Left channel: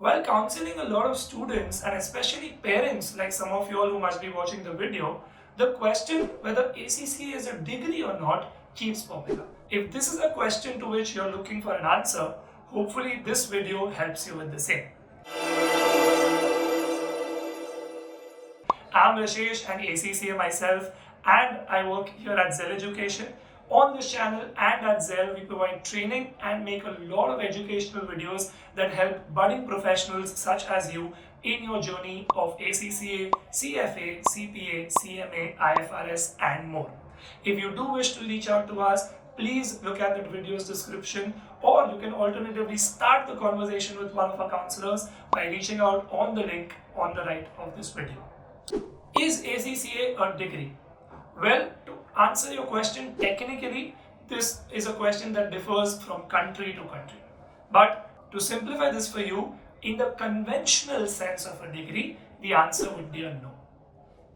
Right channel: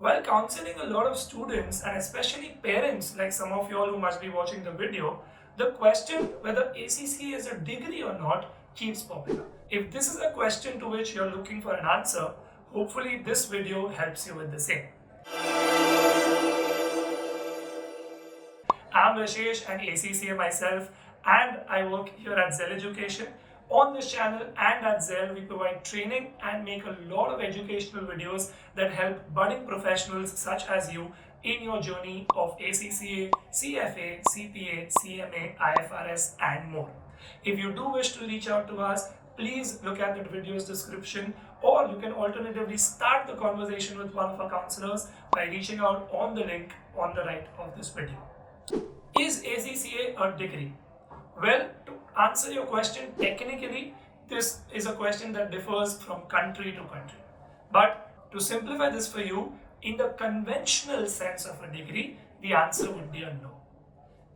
While counseling a lot of students and especially parents like some of you all who must be watching the video, the question whether ACCA is a degree or not keeps popping up. If this is a question to which you're looking for an answer, hopefully this video helps you with the same. I'm Rashesh, an ACCA myself, and I work here at Zell Education. On this channel and at Zell, we provide training and make a lot of educational videos that help budding professionals such as you in your journey of ACCA, CFA, CPA, CMA, IFRS, and more. If you do wish to reach out to us, please look at the video's description, or you can alternatively start the conversation with one of our counselors by reaching out on the link on the right of this video. Is ACCA a degree? Well, to answer your question, technically, this is a question that differs from country to country. But to simplify this for you, in the conventional sense of a degree, the answer would be a no.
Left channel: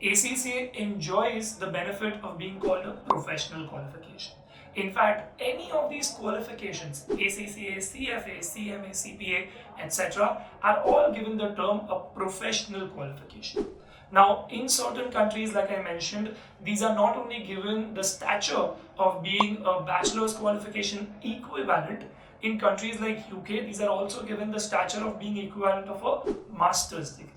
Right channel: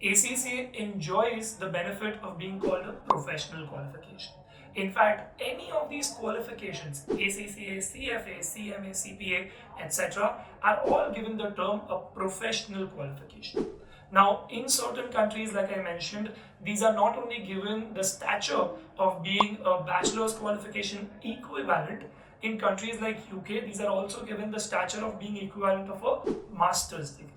ACCA enjoys the benefit of being called a professional qualification. In fact, any of these qualifications, ACCA, CFA, CMA, CPA, etc., are all given the term a professional qualification. Now, in certain countries, like I mentioned, these are not only given the stature of being a bachelor's qualification equivalent. In countries like UK, these are also given the stature of being equivalent of a master's degree.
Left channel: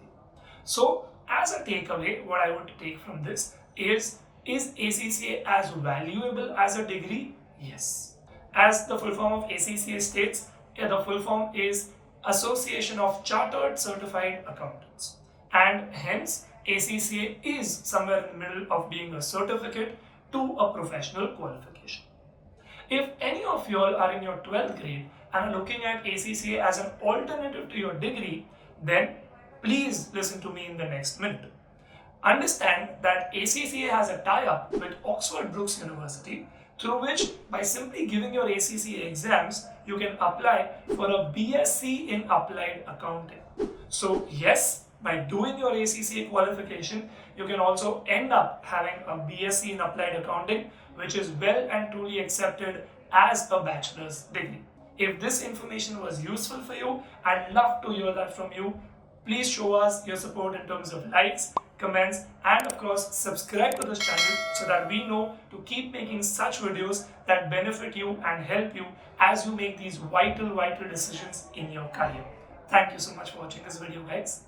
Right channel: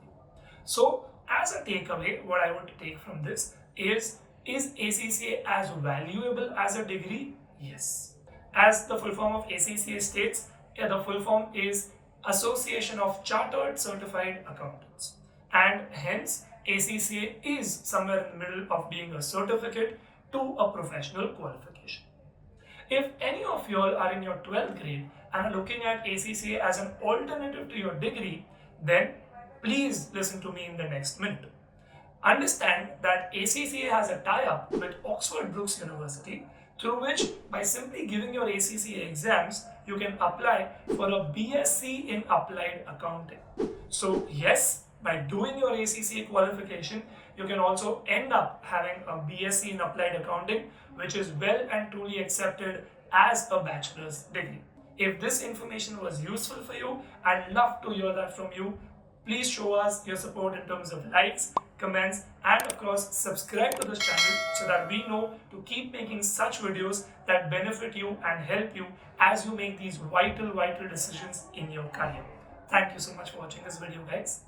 So, as a takeaway, what I want to take from this is ACCA as valuable as a degree? Yes. As the full form of ACCA states, the full form is Association of Chartered Certified Accountants, and hence ACCA is somewhere in the middle of being a certificate to a professional qualification. If any of you all are in your 12th grade and are looking at ACCA as an alternative to your degree, then please listen to me in the next minute. Understand that ACCA has a tie-up with Oxford Brookes University, through which, by simply giving your ACCA exams, you can apply for a B.Sc in Applied Accounting. So yes, by doing your ACCA qualification, you can also end up having a B.Sc in Applied Accounting, which is well and truly accepted as a bachelor's degree. If this information was useful for you, I'd love to hear that from you. Please show us your support in terms of likes, comments, and of course subscribe to this channel so that we know to keep making such videos that benefit you and help you as you make these vital decisions in your career. Thank you so much for watching this video, guys.